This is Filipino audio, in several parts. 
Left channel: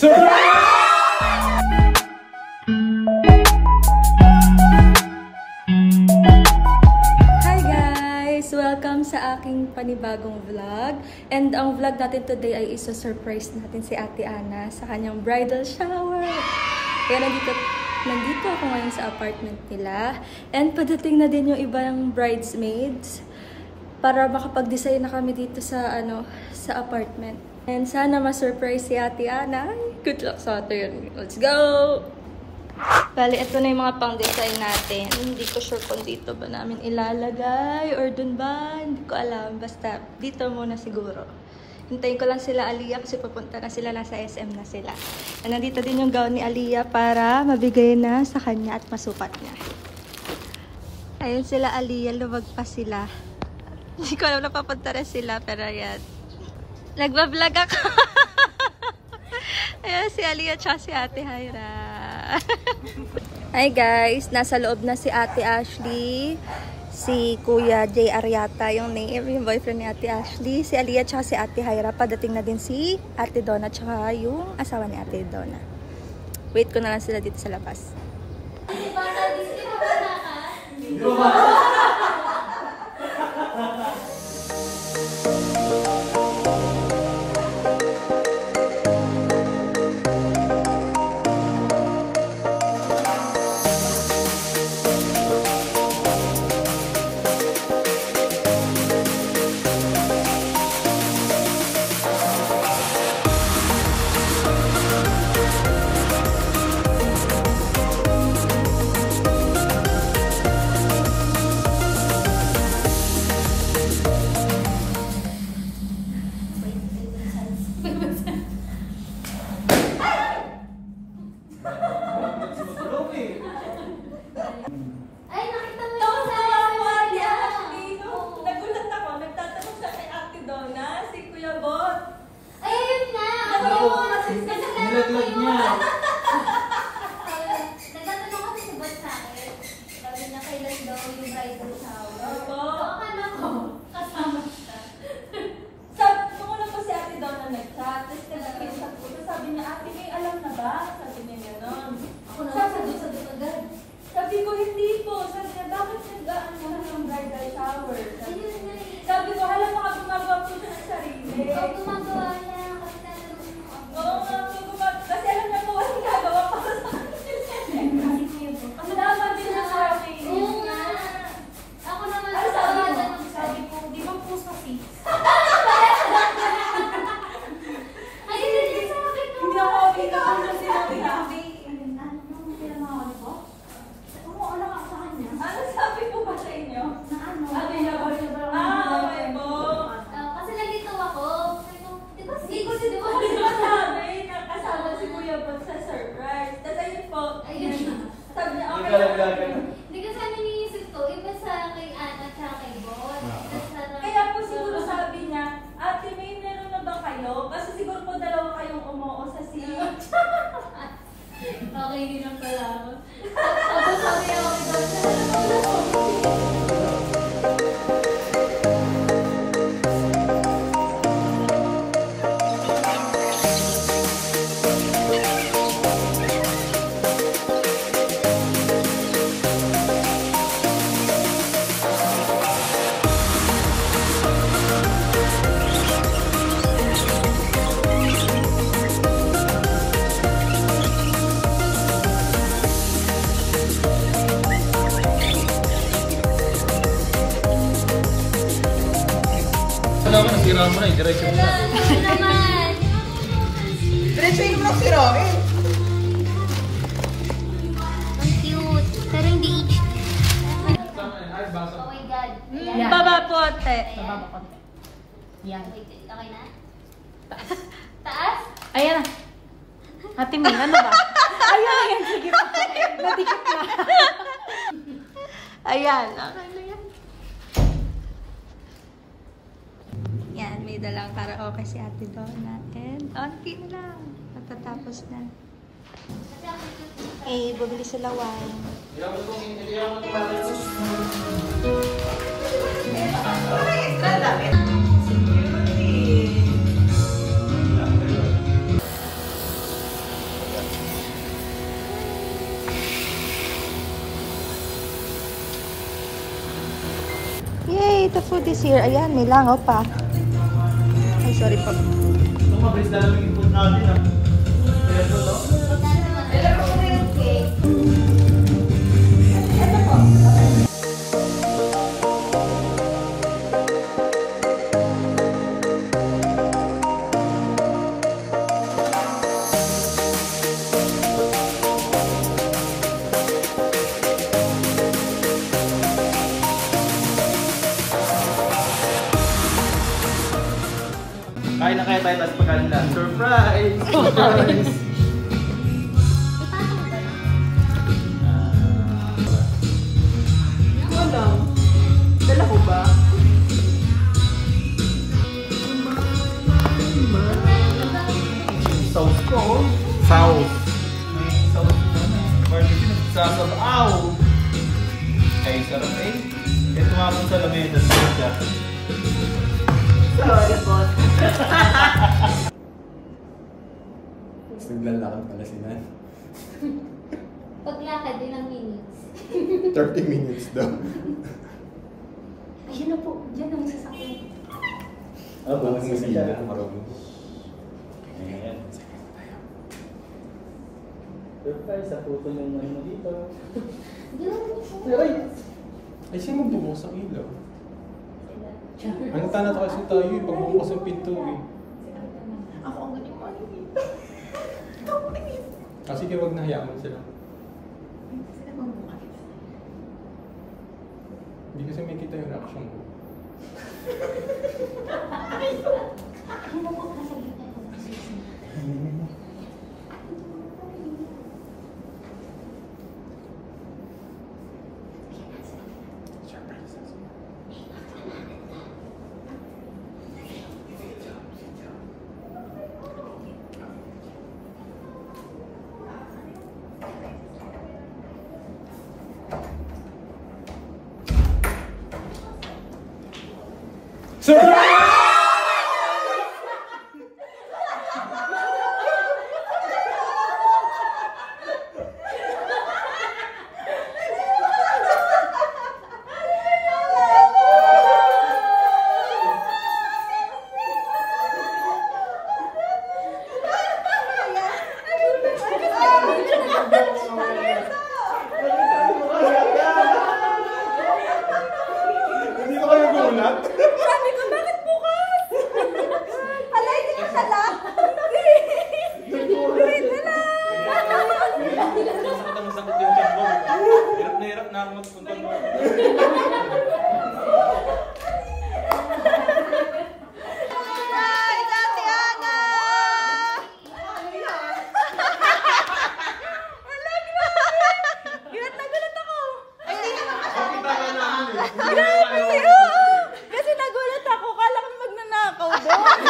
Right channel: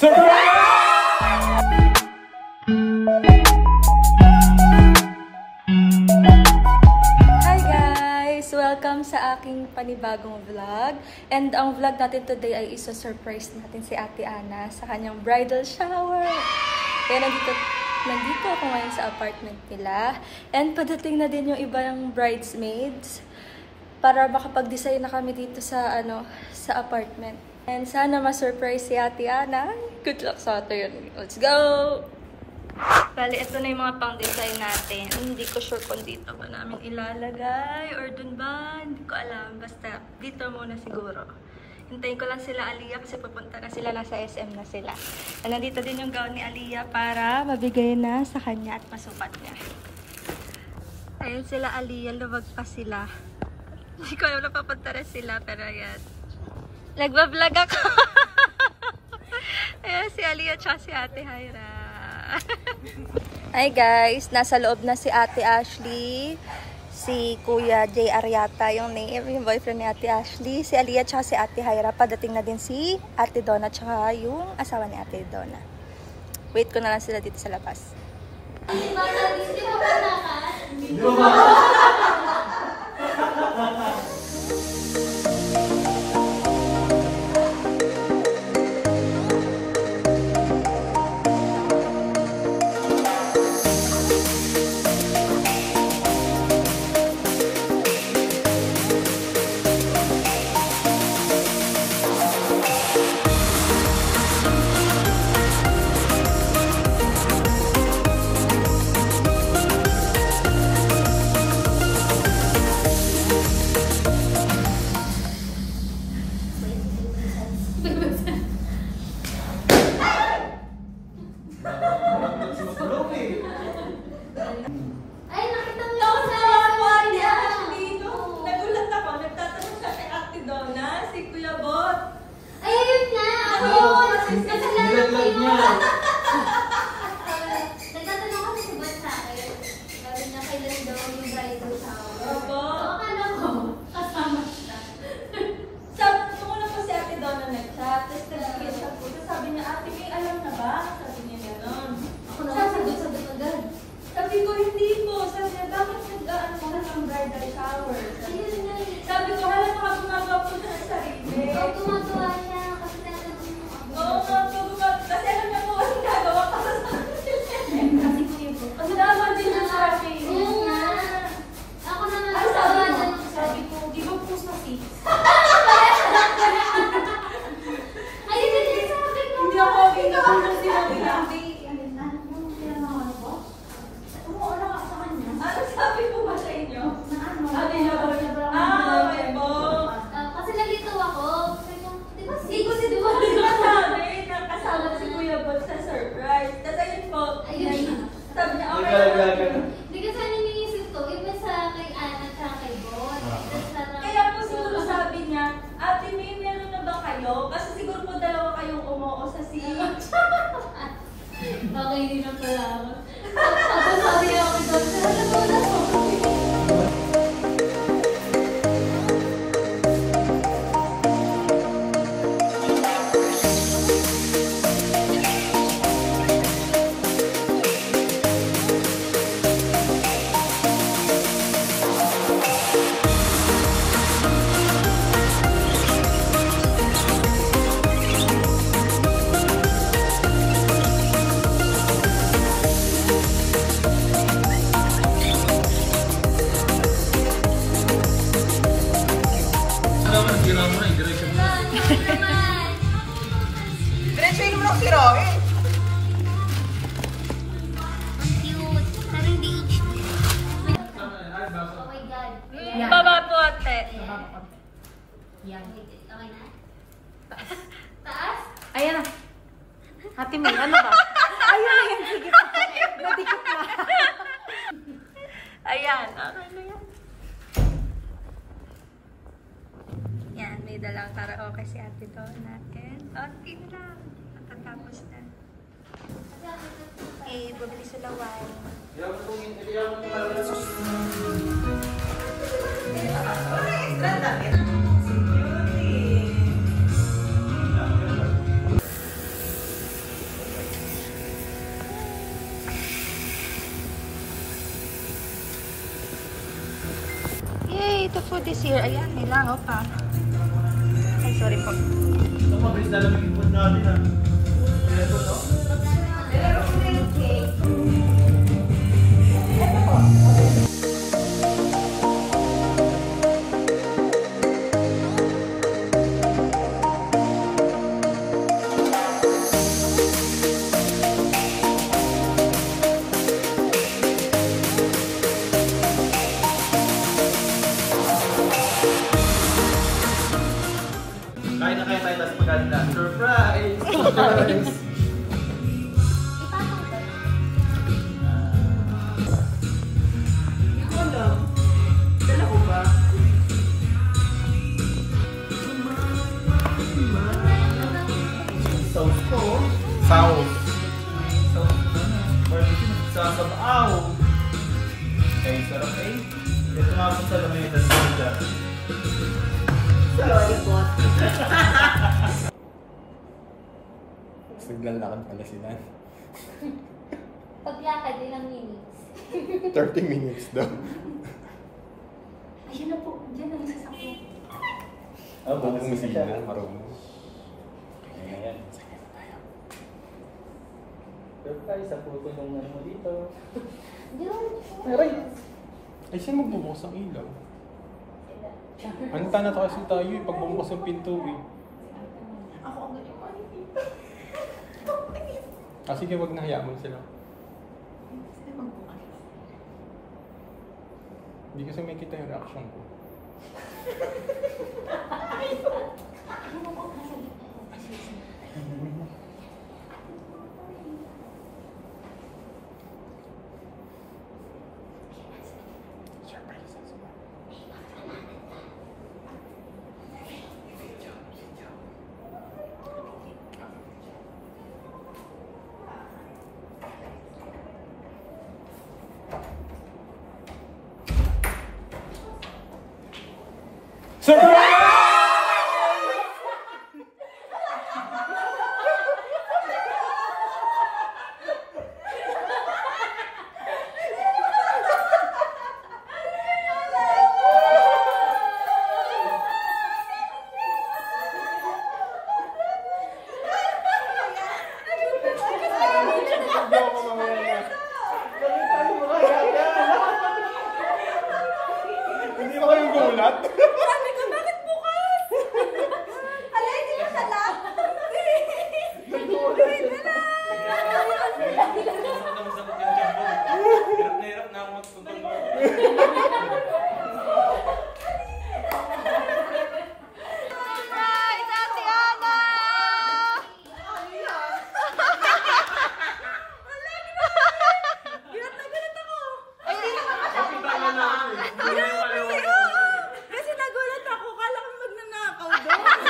Welcome sa aking panibagong vlog. And ang vlog natin today ay isa-surprise natin si Ate Ana sa kanyang bridal shower. Kaya nandito ako ngayon sa apartment nila. And padating na din yung ibang bridesmaids para makapag-design na kami dito sa sa apartment. And sana ma-surprise si Ate Ana. Good luck sa atin. Let's go! Bali, ito na yung mga pang-design natin. Hindi ko sure kung dito ba namin ilalagay or dun ba. Hindi ko alam. Basta, dito muna siguro. Hintayin ko lang sila Aliyah kasi pupunta na sila. Nasa SM na sila. And nandito din yung gown ni Aliyah para mabigay na sa kanya at masukat niya. Ayun sila Aliyah. Luwag pa sila. Hindi ko alam na papunta na sila. Pero ayan. Nagbablog ako. Ayan si Aliyah at si Ate Hyra. Hi guys, nasa loob na si Ate Ashley, si Kuya Jay Ariata yung name, yung boyfriend ni Ate Ashley, si Aliyah tsaka si Ate Hyra. Padating na din si Ate Donna tsaka yung asawa ni Ate Donna. Wait ko na lang sila dito sa labas. Sabi ko, hindi po. Sabi niya, bakit nag-ano mo ng bridal shower? Sabi ko, halang baka gumagawa po siya ng sarili. Oo, gumagawa siya. Kasi tatanong mo. Oo, kasi alam niya po, walang gagawa pa sa sarili. Kasi kuya po. Kasi naman din niya sa akin. Oo nga. Ako naman. Ay, sabi ko, di ba po sa sis? Ayun din yung sabi ko. Hindi ako ikaw na sinabi niya. Ano sabi po ba sa inyo? Available niya ba? Okay po. Kasi nalito ako. Di ba Hindi ko si Duwa sabi. Nakasama si Kuya Bot sa surprise. Tapos ayun po. Sabi niya, okay lang. Hindi kasi ano niisip ko, iba sa kay Ana at kay Bot. Kaya po siguro sabi niya, Ate May, meron na ba kayo? Kasi siguro po dalawa kayong umuo sa siya. Okay, hindi na pala ako. Tapos sabi ako doon, wala po. Diretso mo na. Diretso mo na si Rocky. Ang cute. Pero hindi oh my God. Baba po, ate. Baba po, ate. Yan. Okay na? Taas? Ayan. Hati mo, ano ba? Ayan. Sige po. Nadikit na. Ayan, okay na yan. Yan, may dalang karaoke si Ate Dora natin. Okay na lang. Natatapos na. Eh, bumili sila wine. the food is here. Ayan, may langaw pa. Ay, sorry po. Ito mabilis na lang yung food natin ah. Kaya ito to? Kain na kayo tayo, tapos pagkain lang. Surprise! Surprise! Hindi ko alam. Dala ko ba? Sauce ko. Sauce. Sauce ko na. Barbecue. Sasabaw. Ay, sarap eh. Ito nga po sa lamesa. Sorry, bot. Naglalakad pala si Nan. Paglakad, ilang minutes. 30 minutes daw. Ayun na po. Diyan ang sasakyan. Ah, bukas mo sila. Marunong. Ayan. Surprise, sa puto yung ano dito. Eh, sino magbubukas ang ilaw? Ang tanong kasi tayo eh, pagbubukas ang pinto eh. Ako ang ganyan mo. Ah, sige, wag na hayaan mo sila. Hindi kasi may kita yung reaction ko. Ano mo po, nasa gitna ko. Hindi ko kayo gulat. Sabi ko, bakit bukas? Alay, sila sa lahat. Gawin na lang. Masakit yung tiyan ko. Hirap na hirap na ako magpunta. Surprise, Ate Ana! Wala, gulat na gulat ako. Ay, hindi naman Grabe, oo. Kasi nagulat ako. Kala ko magnanakaw doon.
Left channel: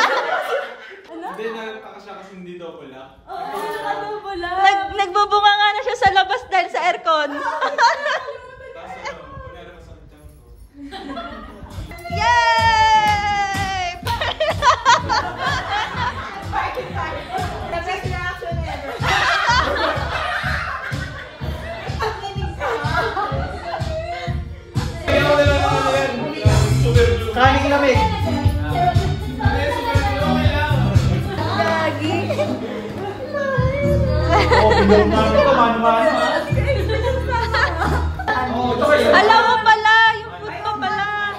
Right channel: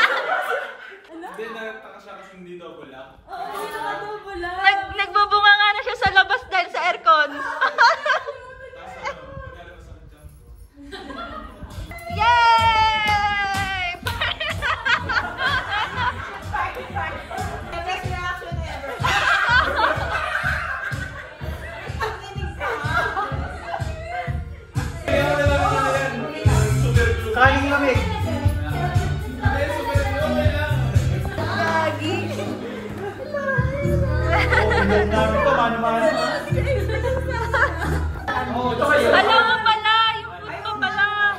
Hindi, nagtaka siya kasi hindi daw pala. Nagbubunga nga na siya sa labas dahil sa aircon. Yay! Kain lamig. Oh, bilaw namin ito, mano-mano ha. Oh, ito kayo. Alam mo pala, yung food ko pala.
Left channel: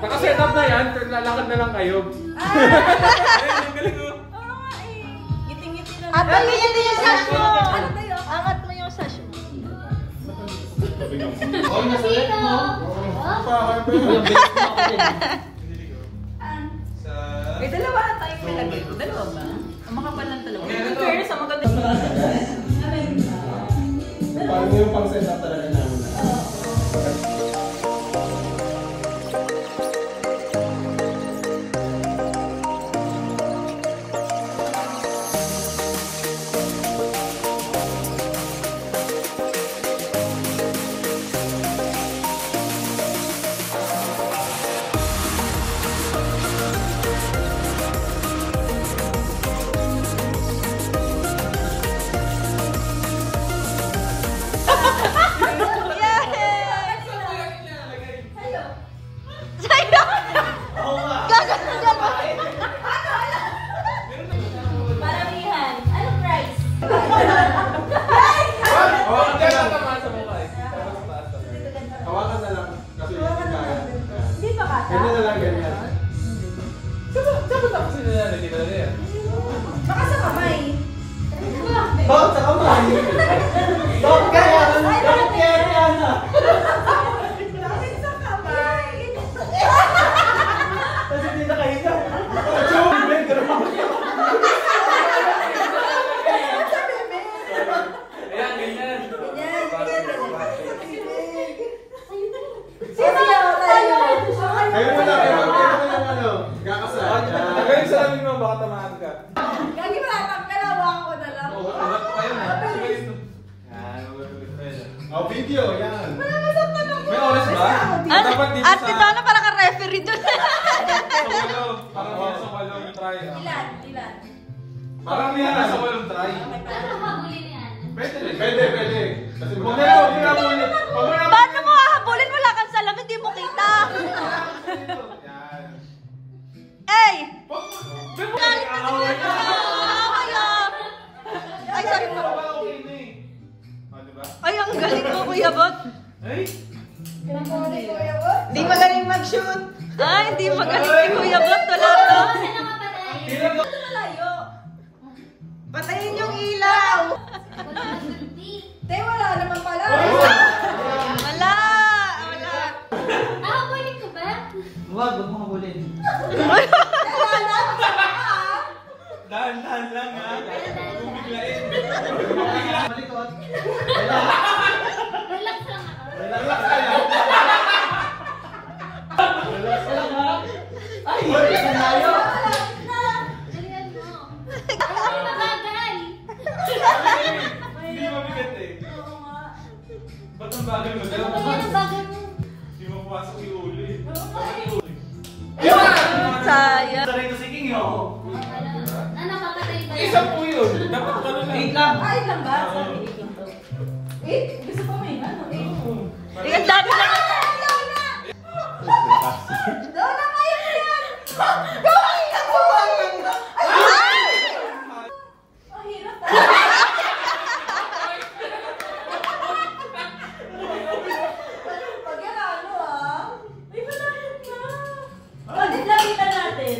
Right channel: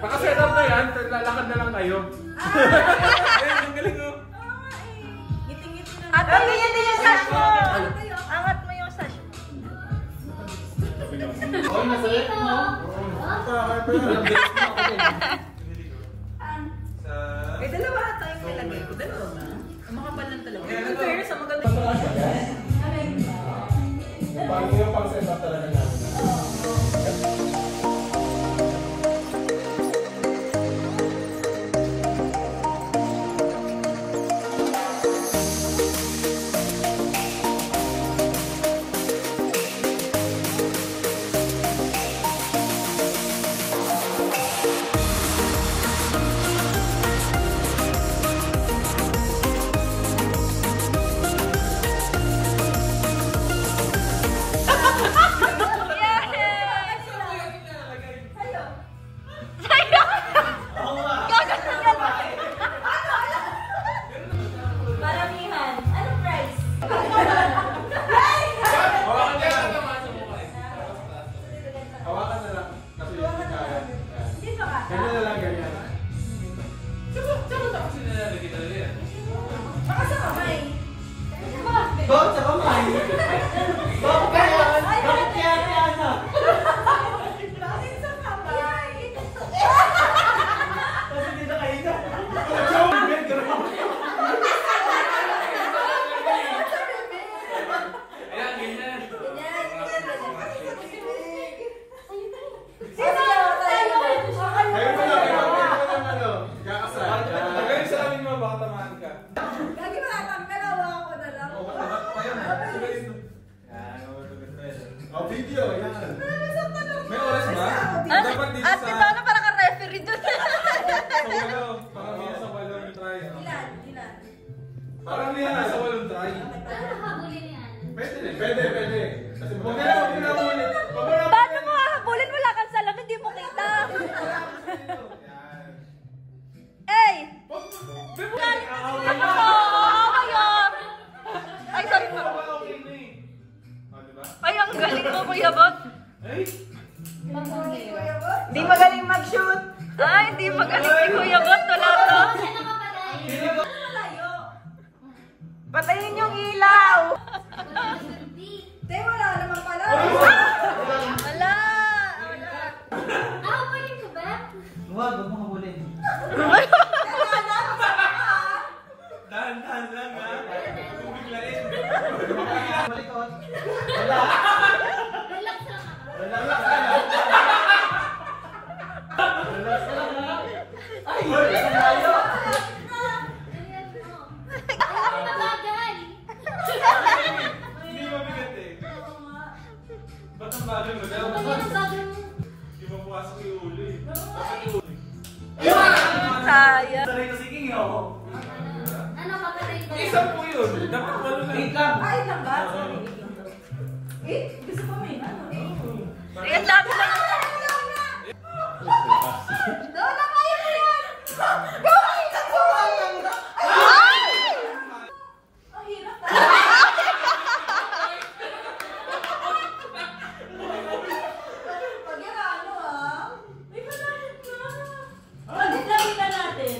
Nakaset up na yan, lalakad na lang kayo. Ayun, ang galing oh. Giting-ngiti na. At ang ganyan yung sasyo. Angat mo yung sasyo. Oh, masaya no? May dalawa na tayong nilagay ko. Dalawa ba? Ang makapal ng dalawa. Meron to. Fair sa maganda. Parang yung pang-set up talaga namin. Oh, video, yan. May oras ba? Dapat dito Ate, sa... paano para ka-referee dun? Sa walo. Parang yan sa walong try. Ilan? Parang yan sa walong try. Ano habulin yan? Pwede rin. Pwede. Kasi huwag na lang, huwag na muli. Huwag na lang. Paano mo hahabulin mo lang sa lang, hindi mo kita. Yan. Ay! Ay, sorry po. Okay na eh. Oh, diba? Ay, ang galing mo, Kuya Bot. Ay! Di magaling mag-shoot. Ay, hindi magaling si Kuya Bot. Wala to. Ano ka patay? Patayin yung ilaw. Te, wala naman pala. Wala. habulin ko ba? Huwag mo habulin. Dahan-dahan lang ha. Kung biglain. Malikot. Relax lang ako. Relax lang. Ay! Ang layo! Dalihan mo. Ayaw na mabagal. Hindi mabigat eh. Ba't ang bagay mo? Ano ba yan ang bagal mo? Hindi mo pumasok yung ulo eh. Dapat yung ulo. Sayang. Saray ko si King yun. Ano papatay ba? Isa po yun. Dapat ano lang. Wait lang. Ay, lang ba? Sorry, lang to. Gusto ko may ano? Tingnan lang. Lola, kayo na yan! Gawin na po! Ang hirap na. Pag yan ano Ay, malapit na. Bakit lapitan natin?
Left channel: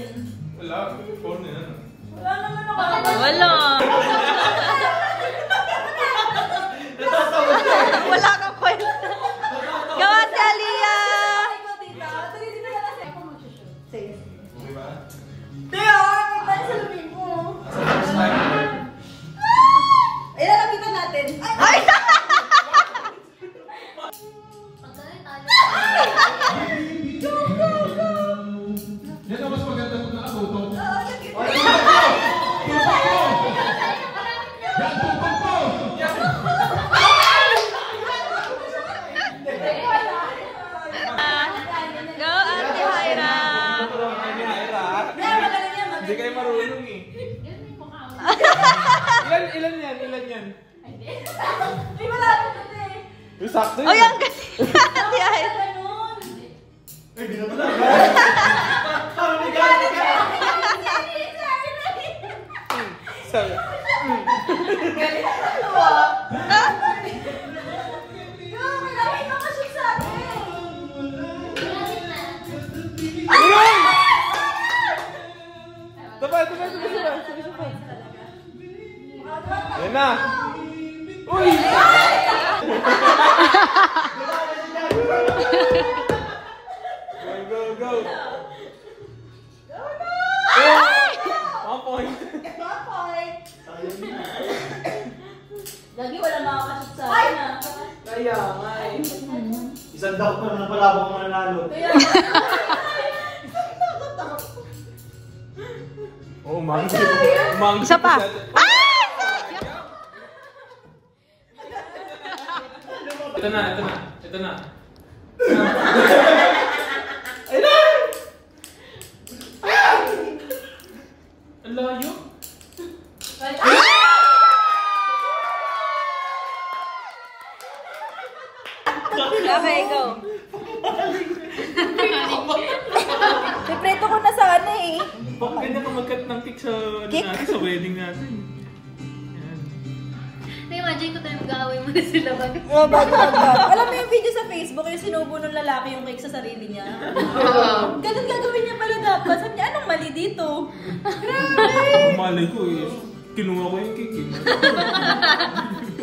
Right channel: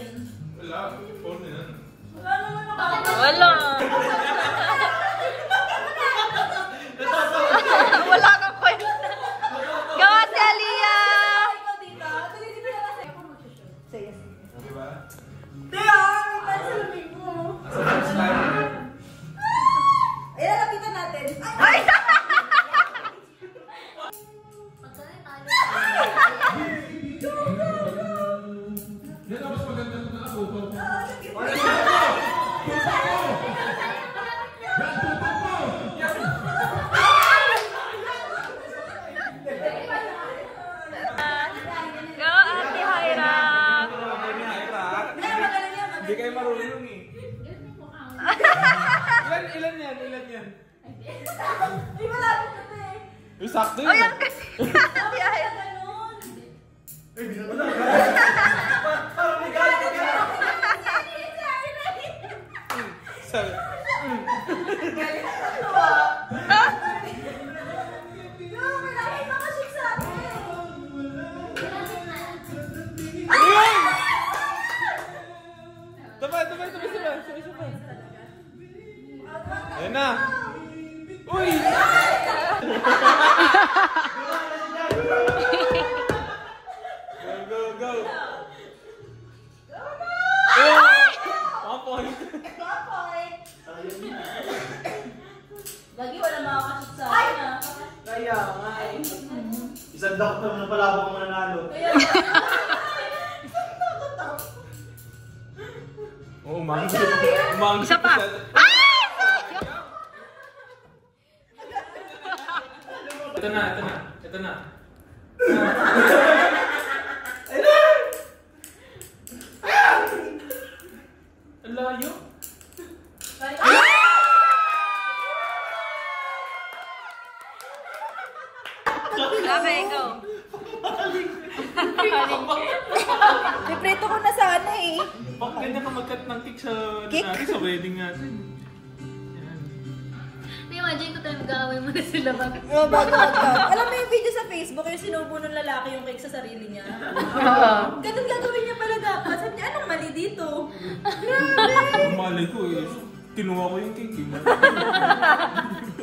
Wala. Phone na yan. Wala naman ako. Wala. Wala kang kwenta. Gawa si Aliyah. Sige. Di ba? Teo, may pansalubin mo. Sa first time. Ay, lalapitan natin. Ay! Pagkari tayo. Yan ang mas maganda kung nakatutok. Go, Ate Hyra. Hindi kayo marunong eh. Ilan yan? Ay, malapit na eh. Yung sakto yun. Oh, yung Ate Hyra. Sabi. Sabay. Yan na. Uy! Go. One point. Lagi wala makakasot sa akin ah. Kaya nga eh. Isang daw pa na palabang mananalo. Oo, umanggi. Isa pa. Ito na. Ang layo. Okay, go. Pipreto ko na sana eh. Bakit ganda ka mag-cut ng cake sa, sa wedding natin? Na-imagine ko tayo mag-away mo na sila bago. Oh, bago. Alam mo yung video sa Facebook, yung sinubo ng lalaki yung cake sa sarili niya? Ganun gagawin niya pala dapat. Sabi niya, anong mali dito? Ang malay ko eh. Kinuha ko yung cake eh.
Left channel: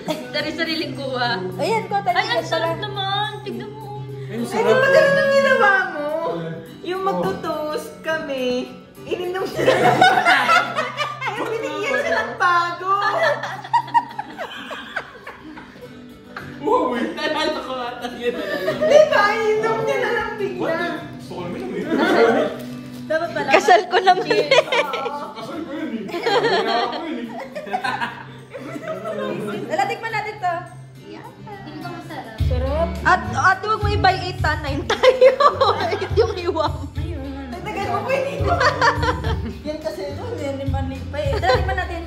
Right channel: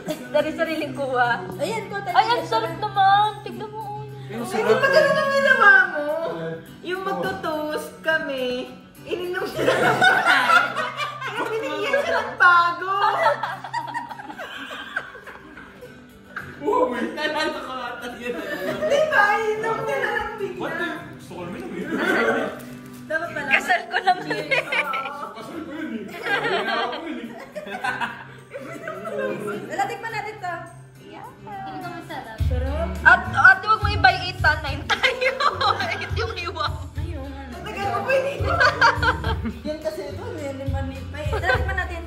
Dari sariling kuha. Ayan, ko tayo. Ay, ang sarap naman. Tignan mo. Yung Pero sarap. kasi nung ginawa mo, yung magtutoast kami, ininom sila. Kaya binigyan sila ng bago. Uy! Nalala ko ata yun. Di ba? Ininom sila ng bigla. What the? Gusto ko naman yun. Dapat pala. Kasal ko naman. Kasal ko yun eh. Ginawa ko yun eh. Lalatik pa natin to. Hindi ko masarap. At huwag mo i-buy 8 tan 9 tayo. 8 yung iwan. Nagtagal mo pa yun. Yan kasi doon, yan yung maliit pa eh. Dati pa natin.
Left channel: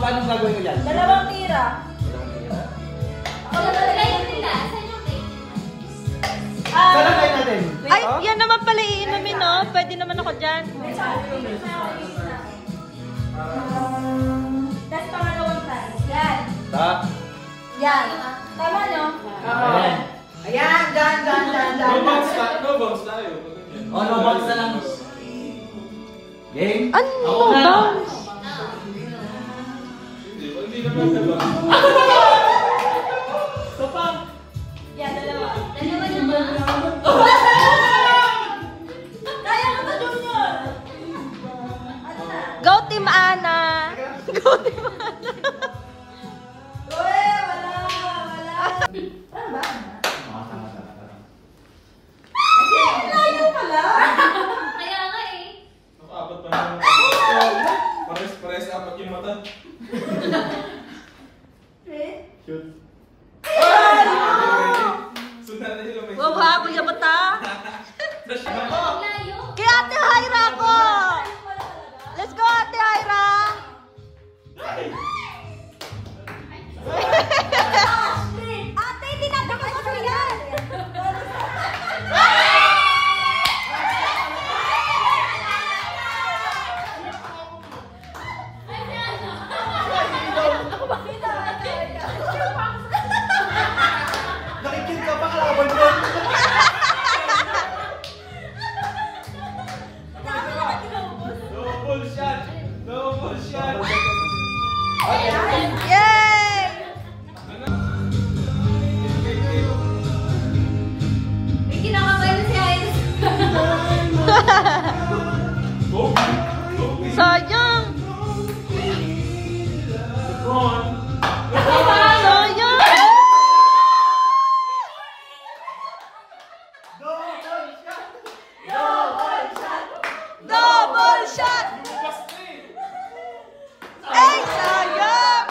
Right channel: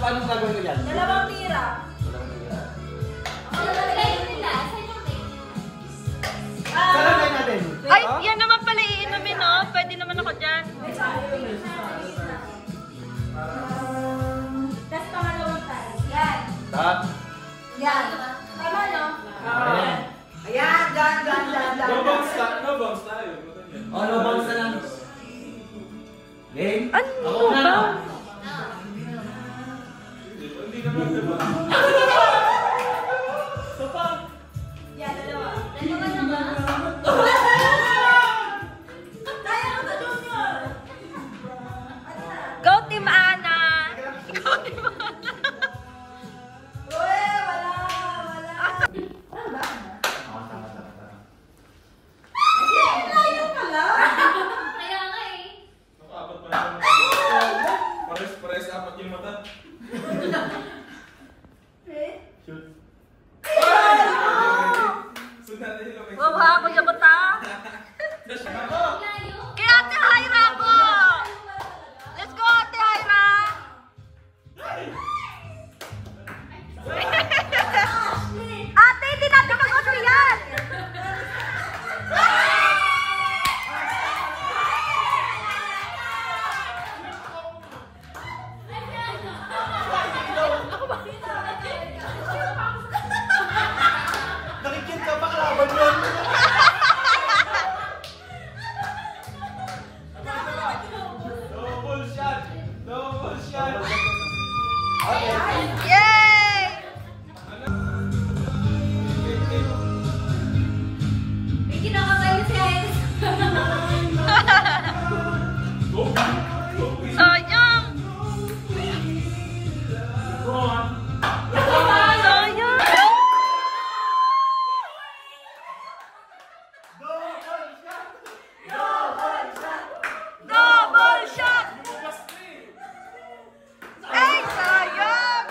Paano gagawin ko yan? Dalawang tira. Saan lang tayo natin? Ay, yan naman pala iinumin, no? Pwede naman ako dyan. Tapos pangalawang tayo. Yan. Tak. Yan. Tama, no? Ayan. Ayan, dyan. No bounce tayo. Oh, no bounce na lang. Game? Ano? Ako na. Hindi naman diba? Yan, dalawa. Dalawa naman. Kaya ko sa Junior. Ano na? Go Team Ana! Go Team Ana! Uy, wala. Ano ba? Tama. Layo pala. Kaya nga eh. Apat pa naman. Pares apat yung mata. Shoot. Sundan na yung Wow ha, kuya bata! Layo. Kaya Ate Hyra ko! Let's go Ate Hyra! Ate, hindi natin mag-auto yan! Nakikit ka pa kalaban ko. double shot. Double shot. Yay! May kinakabayo si Iris. Sayang! Come on. Sayang! Double shot! Ay, sayang!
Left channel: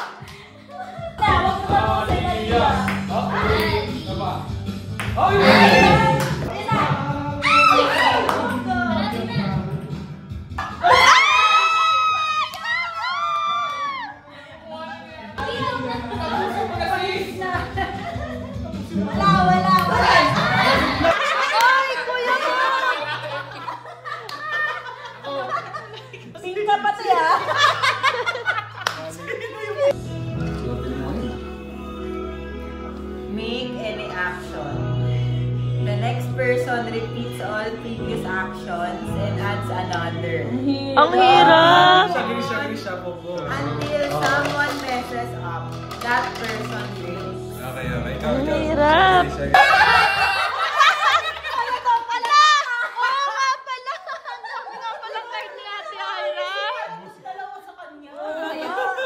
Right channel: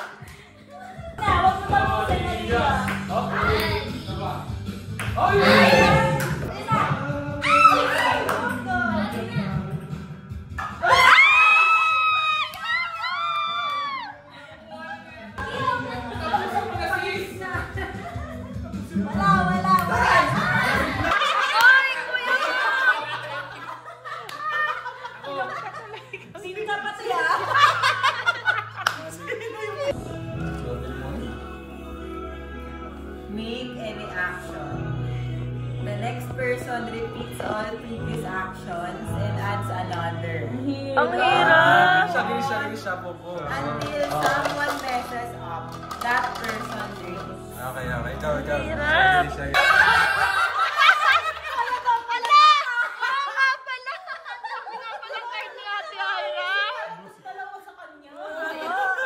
Tawag naman ako sa Maria. Ay, kuya! Hindi ka pati ah. Make any action. The next person repeats all previous actions and adds another. Ang hirap! Siya po po. Until someone messes up, that person drinks. Okay. Ikaw. Hirap. Sige. Ano pala? Oo nga pala! Ano nga pala card ni Ate Hyra? Dalawa sa kanya.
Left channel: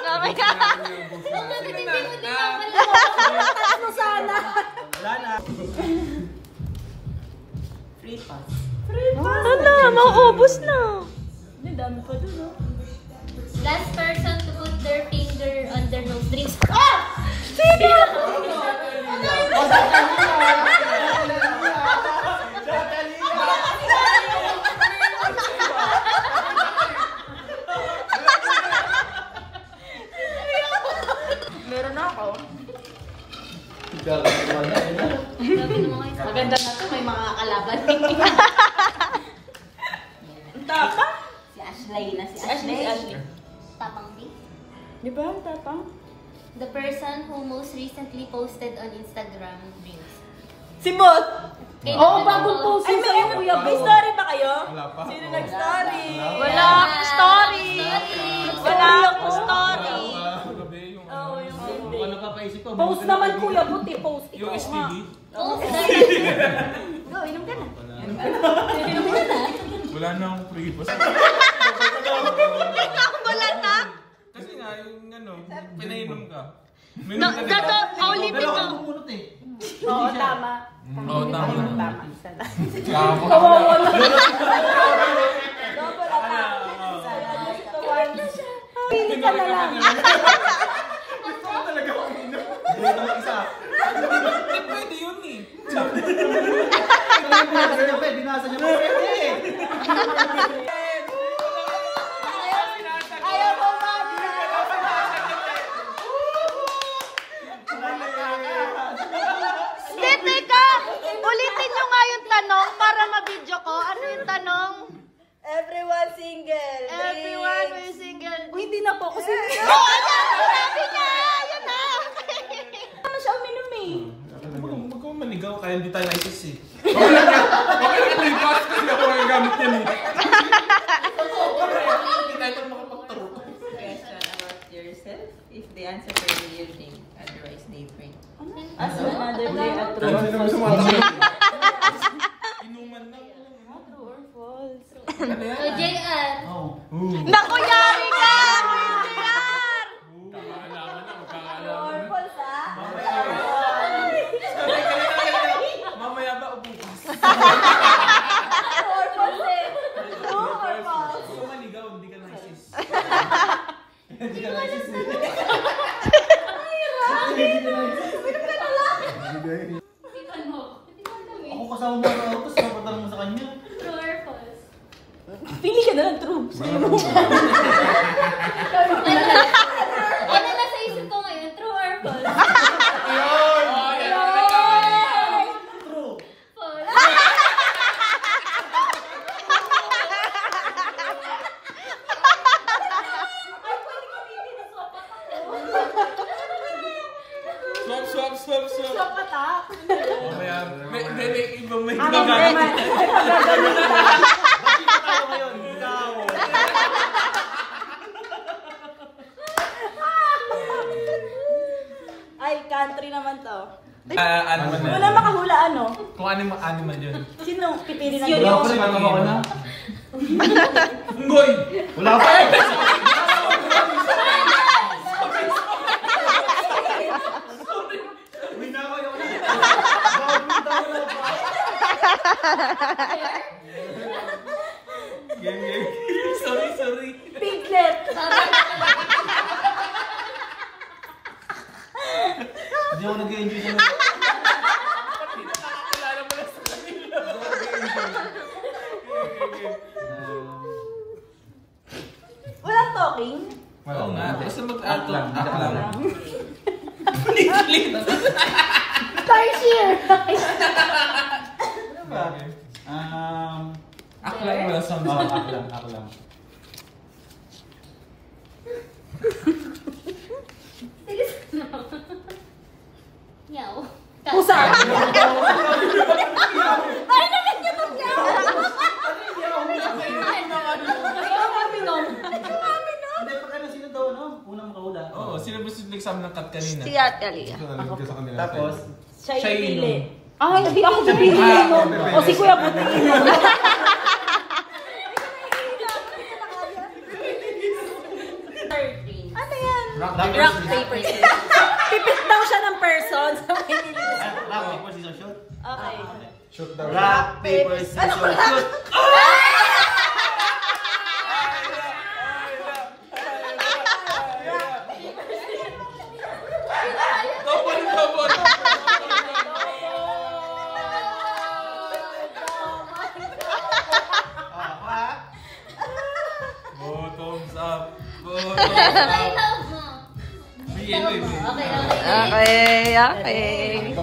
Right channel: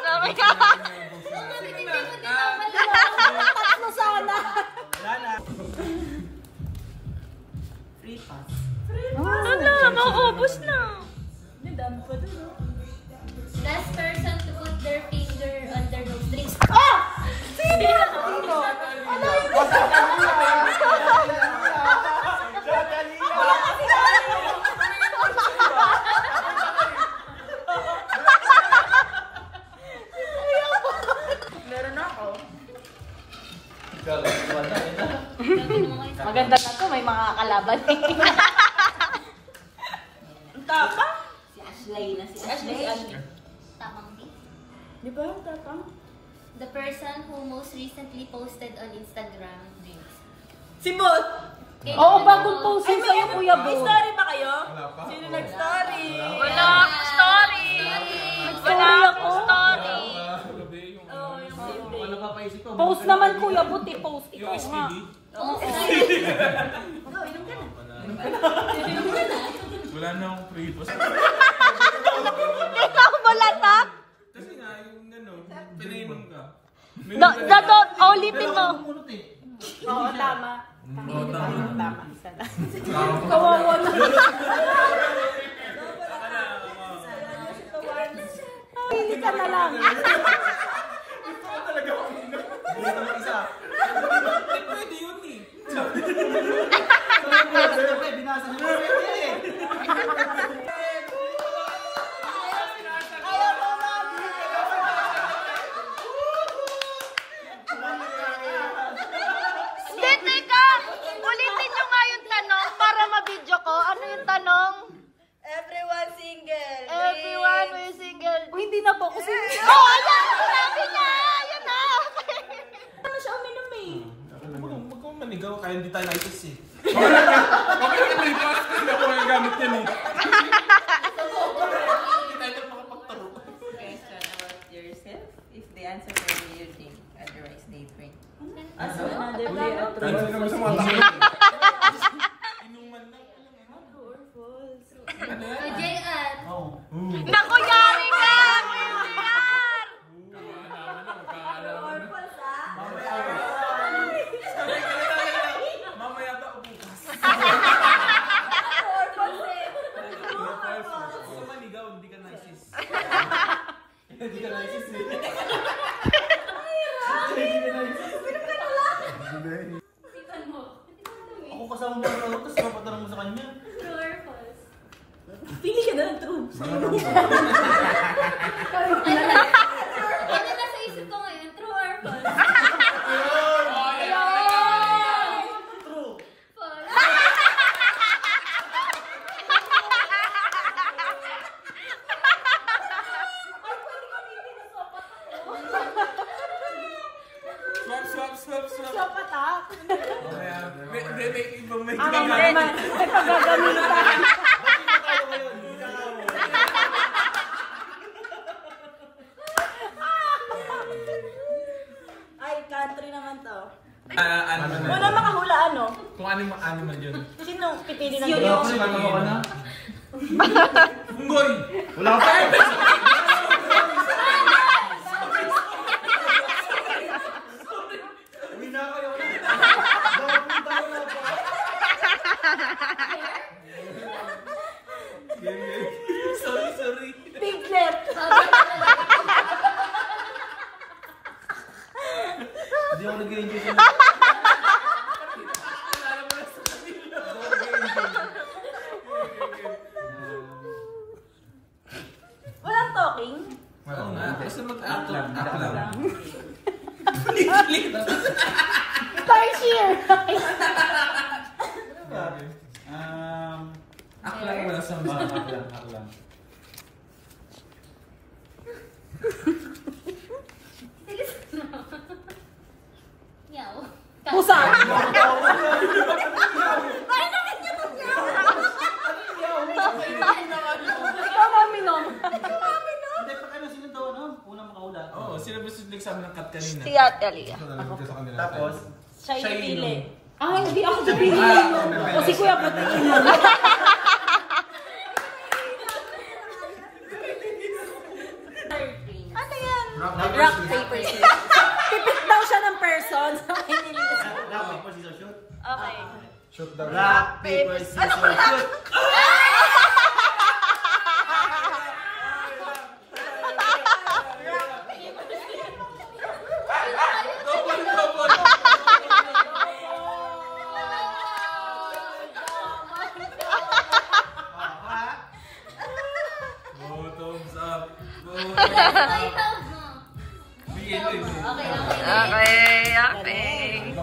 Sabi ka! Ano sana? Wala na. Free pass. Ano? Maubos na! Ang dami pa dun, no? Last person to put their finger on their nose. Drinks. Meron na ako. Gabi naman kayo sa Maganda na to, may mga kalaban. Ang tapa? Si Ashley na si tapang din. Di ba? Tapang? The person who most recently posted on Instagram drinks. Si Bot! Oo, bagong post Ay, yun sa'yo, Kuya may Bo. story ba kayo? Wala pa. Sino nag-story? Wala akong story! Wala akong story! Gabi yung ano. Ano pa paisip ko? Post naman, Kuya Bo, post. Yung Ikaw STD. nga. Oo, dahil. Oo, inom ka na. Wala na akong pre-boss. Wala pa? Kasi nga, yung ano, pinainom ka. Dato, ulitin mo. Oo, tama. Oo, tama. Tama. Isa lang. Kawawa na. Pili ka na lang. Ikaw talaga uminom. Hindi na isa. Pwede yun eh. Binasa niyo pa pwede. Hindi, teka. Ulitin nyo nga yung tanong para ma-video ko. Ano yung tanong? Everyone single. Everyone will single. Hindi na po ako single. Oh, ayan! Sinabi niya! Ayan na! Ano siya uminom eh? Huwag kang manigaw kaya hindi tayo naitis eh. Okay lang pre-boss. Hindi ako magagamit yan eh. Hindi tayo makapagtaro. Question about yourself. If they answer for you, think. Otherwise, they think. As another play at true or false. Inuman na. True or false? So, JR. Naku, yari ka! JR! Magkakaalaman na, magkakaalaman na. False ah? Mamaya ba o bukas? Huwag ka manigaw, hindi ka naisis. Hindi ka naisis eh. Ikaw mo. Ako kasama mo ako, tapos papatanong mo sa kanya. True or false? Pili ka na ng true. Ano nasa isip ko ngayon? True or false? True. False. Swap. Kapatak. Mamaya, may ibang may ginagamit. Bakit ka tayo ngayon? Ikaw. Ay, country naman to. Animal na Wala yun. makahula ano? Kung animal yun. Sino pipili ng Wala pa rin, ano ako na? Unggoy! Wala pa rin. Uwi na kayo. Bago tayo na pa. Game. Sorry. Piglet. Hindi ako nag-enjoy sa Walang talking? Oo nga. Basta Act lang, hindi ka lang. Tarsier. Ano ba? Aklang wala sa Act lang. Yaw. Pusa. Hindi, pa kayo sino daw, no? Unang makahula. Oo, sino ba nagsabi ng cut kanina? Si Ate Alia. Tapos, Siya Siya yung pili. inom. Ah, hindi ako pipili inom. O si Kuya Puti inom. Ano yan? Rock, paper, scissors. Pipit daw siya ng person. rock, paper, scissors, shoot. Okay. Rock, paper, scissors, shoot. Bottoms up. Ay, tawag mo. Bigyan mo. Okay.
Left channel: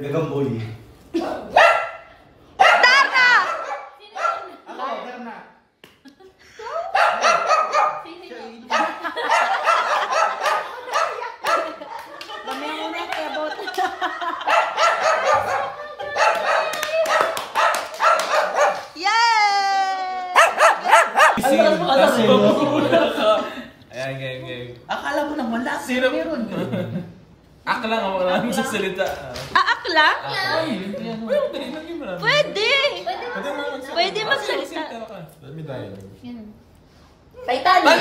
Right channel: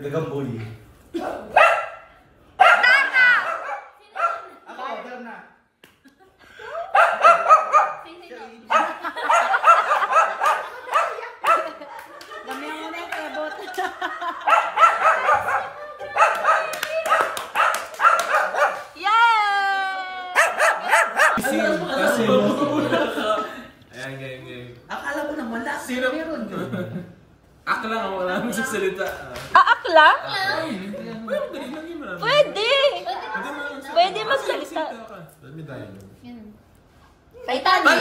Gagamboy. Tara! Ako, Darna. Dami ang unang kebot. Yay! Kasi ayan, game. Akala mo lang wala. Sino? Meron. Aklang ako lang sa salita. Aak lang? Pwede, lagyan mo lang. Pwede! Pwede magsalita. Let me die. Titanic!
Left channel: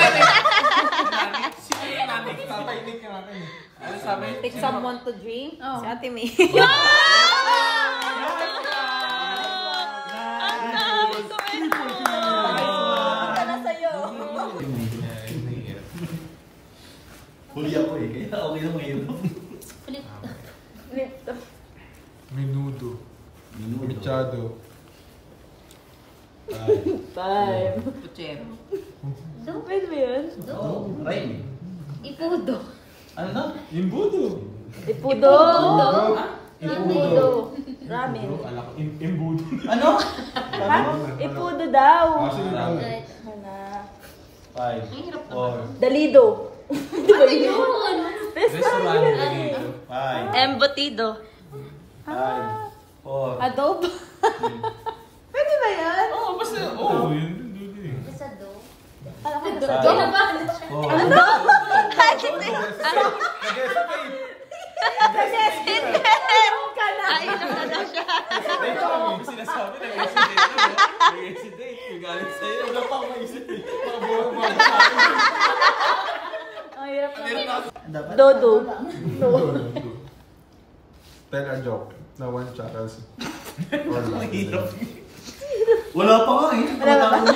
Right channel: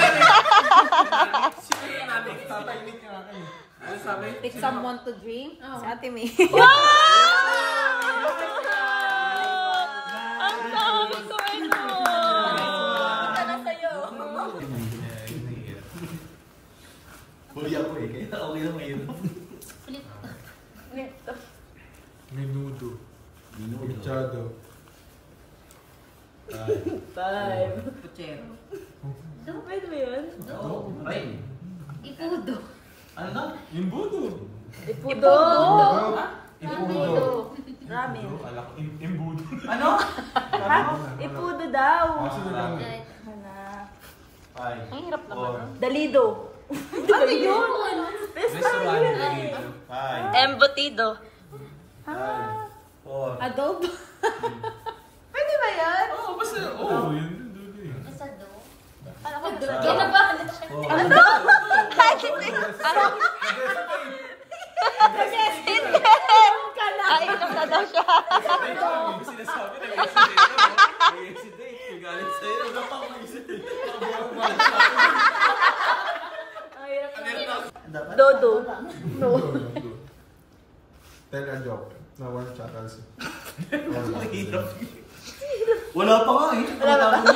Sige namin. Papainig ka namin. Ano sabi? Take someone to drink. Si Ate May. Wow! Ang dami ko ito! Huli ako eh, kaya okay na mahirap. Menudo. Minuto. Machado. Time. Puchero. Pwede ba yan? Rain. Ipudo. Ano to? Imbudo. Ipudo. Imbudo. Ramen. Ala ko. Imbudo. Ano? Ha? Ipudo daw. Sino daw? Hana. 5, 4, Dalido. Restaurant. Dito. 5, Embutido. 4, Adobo. Pwede ba yan? Oo, basta. Oo, yun. Dudu eh. Isa do. 5, 4. Ay, inom na daw siya. Sinasabi na nag-hesitate. Galit sa'yo. Ano pa ang hesitate? Dodo. Tell a joke. Na one chuckles. Mahirap. Wala pa nga eh. Wala pa nga.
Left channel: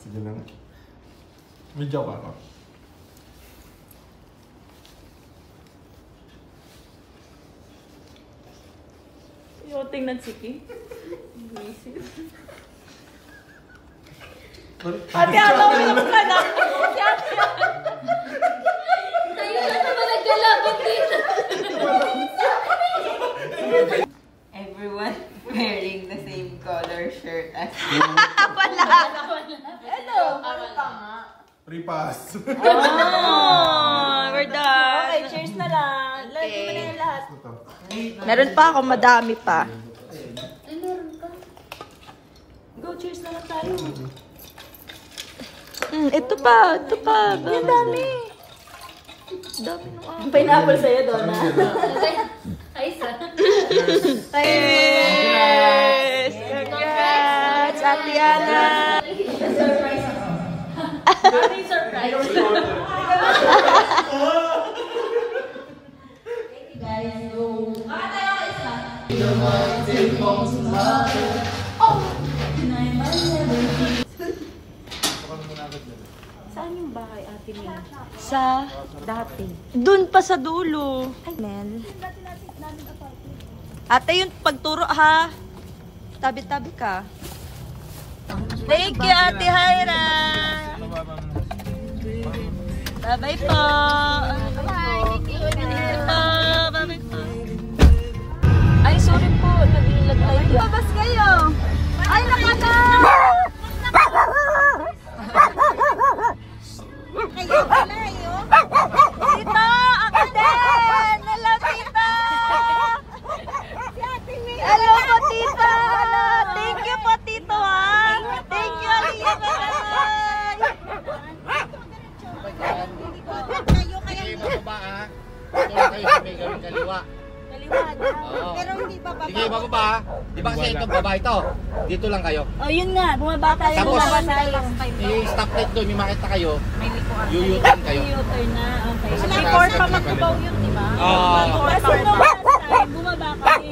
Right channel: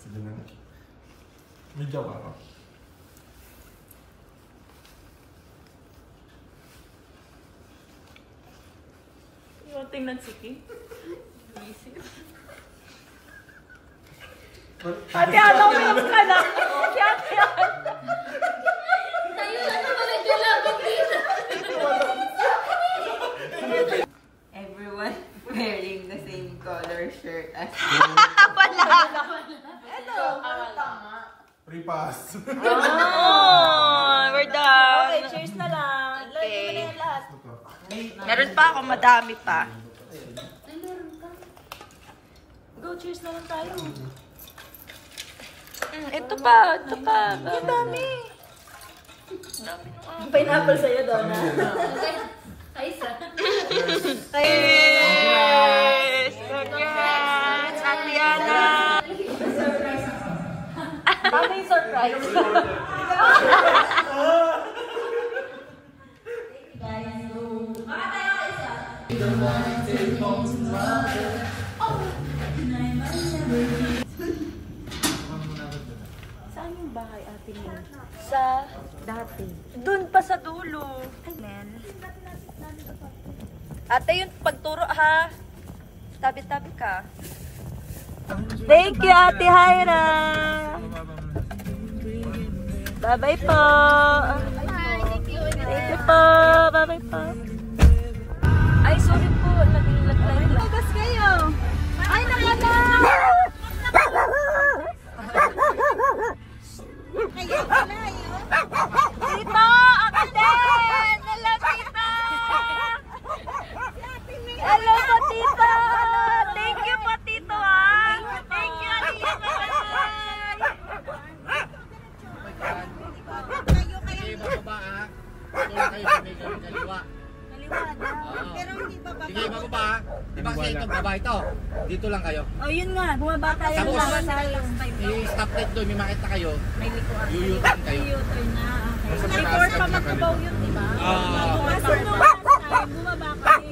Sige lang. May joke ako. Yung tingnan si Kim. Ate, ano ka na? Si Ate. Tayo lang naman naglalaban dito. Everyone wearing the same color shirt as Free pass. Oh, we're done. Okay, cheers na lang. Lagi mo na yung lahat. Meron pa ako, madami pa. Ay, meron ka. Go, cheers na lang tayo. Ito pa. Ay, ang dami. Dami nung Pineapple sa'yo, Donna. Ay, isa. Yes! Congrats, Ate Ana! Ano yung surprise? Saan yung bahay, Ate May? Sa Dati. dun pa sa dulo. Ay, man. Ate, yung pagturo ha. Tabi-tabi ka. Thank you, Ate Hyra. Bye-bye po. Bye-bye po. Bye-bye po. Ay, sorry po. Nagilagay. Labas kayo. Ay, nakaka. Kayo pala yun. Tito, ako din. Hello, Tito. Hello po, Tito. Thank you po, Tito, ha. Thank you, Ate Sige, bababa ha. Ito lang kayo sa may gawing kaliwa. Oo. Pero hindi pa baba. Sige, bababa ha. Di ba kasi ito, baba ito. Dito lang kayo. Oh, yun nga. Bumaba tayo. Tapos, Bumaba tayo last time. May stop light doon, may makita kayo. May likuan. Yuyutan kayo. U-turn na. Okay. Before pa magkubaw yun, di ba? Oo. Before pa magkubaw. Bumaba kami.